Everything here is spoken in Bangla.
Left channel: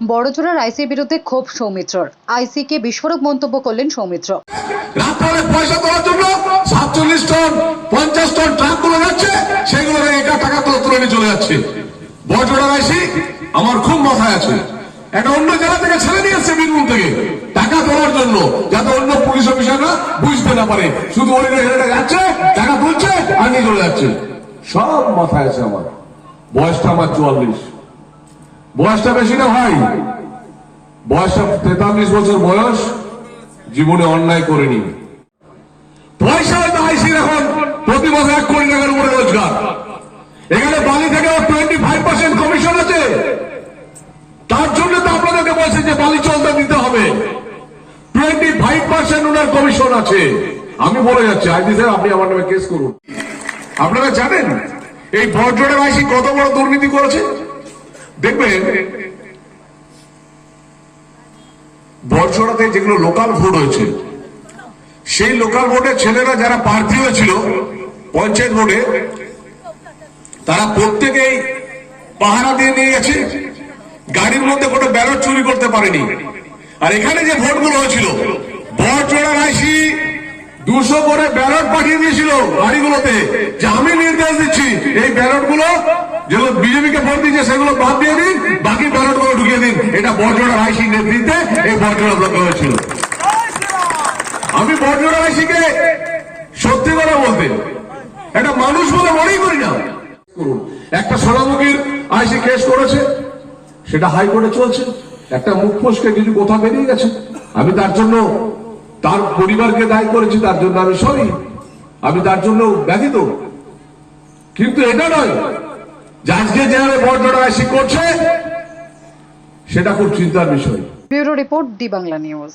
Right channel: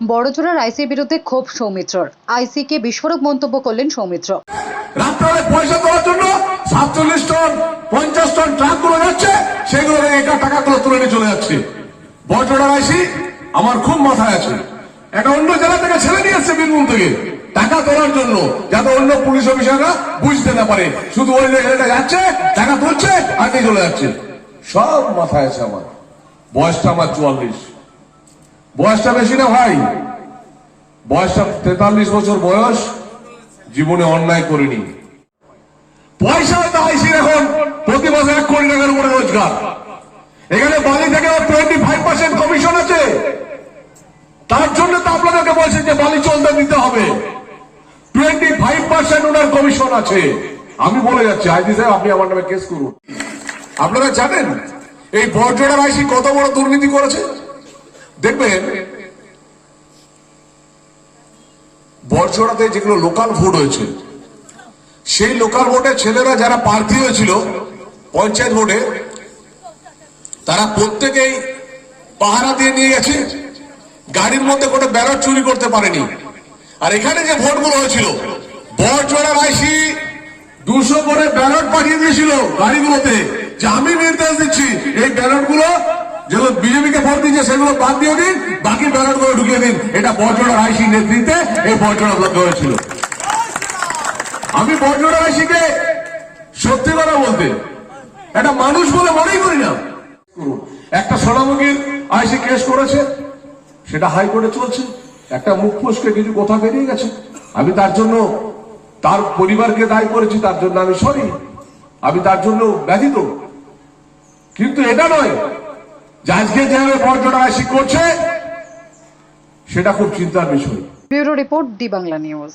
বড়জোড়ার আইসির বিরুদ্ধে ক্ষোভ সৌমিত্রর। আইসিকে বিস্ফোরক মন্তব্য করলেন সৌমিত্র। রাত্রে পয়সা তোলার জন্য 47 টন 50 টন ট্রাক গুলো যাচ্ছে, সেগুলো একা টাকা তুলে নিয়ে চলে যাচ্ছে। বড়জোড়ার আইসি আমার খুব মাথায় আছে, একটা অন্য জেলা থেকে ছেলে নিয়ে আসছে বীরভূম থেকে টাকা তোলার জন্য, যাতে অন্য পুলিশ অফিসাররা বুঝতে না পারে, শুধু ওই ছেলেটা যাচ্ছে টাকা তুলছে আর নিয়ে চলে যাচ্ছে। সব মাথায় আছে আমার। বয়সটা আমার 44, বয়সটা বেশি না ভাই, বয়সটা 43 বছর বয়স, জীবনে অন্যায় করিনি। পয়সা আইসির এখন প্রতি মাসে 1 কোটি টাকার উপরে রোজগার। এখানে বালি থেকে 25% কমিশন আছে, তার জন্য তো আপনাদেরকে বলছে যে বালি চলতে দিতে হবে। 25% ওনার কমিশন আছে। আমি বলে যাচ্ছি আইজি সাহেব, আপনি আমার নামে কেস করুন। আপনারা জানেন এই বড়জোড়ার আইসি কত বড় দুর্নীতি করেছে? দেখবেন বড়জোড়াতে যেগুলো লোকাল ভোট হয়েছে, সেই লোকাল ভোটে ছেলেরা যারা প্রার্থী হয়েছিল পঞ্চায়েত ভোটে, তারা প্রত্যেকেই পাহারা দিয়ে নিয়ে গেছে, গাড়ির মধ্যে কোনো ব্যালট চুরি করতে পারেনি। আর এখানে যে ভোটগুলো হয়েছিল, বড়জোড়ার আইসি 200 করে ব্যালট পাঠিয়ে দিয়েছিল গাড়িগুলোতে, যে আমি নির্দেশ দিচ্ছি এই ব্যালট গুলো যেগুলো বিজেপিকে ভোট দিচ্ছে সেগুলো বাদ দিয়ে দিন, বাকি ব্যালট গুলো ঢুকিয়ে দিন। এটা বড়জোড়ার আইসি নেতৃত্বে এই বড়জোড়া ব্লকে হয়েছিল। আমি বড়জোড়ার আইসিকে সত্যি কথা বলতে একটা মানুষ বলে মনেই করি না। একটা সোনামুখীর আইসি কেস করেছে, সেটা হাইকোর্টে চলছে। একটা মুখ ফসকে কিছু কথা বেরিয়ে গেছে, আমি তার জন্য তার পরিবারকে দায়ী করেছি, তার জন্য আমি সরি, আমি তার জন্য ব্যথিত। কিন্তু এটা নয় যে আজকে যেভাবে বড়জোড়া আইসি করছে সেটা খুব চিন্তার বিষয়। ব্যুরো রিপোর্ট, দি বাংলা নিউজ।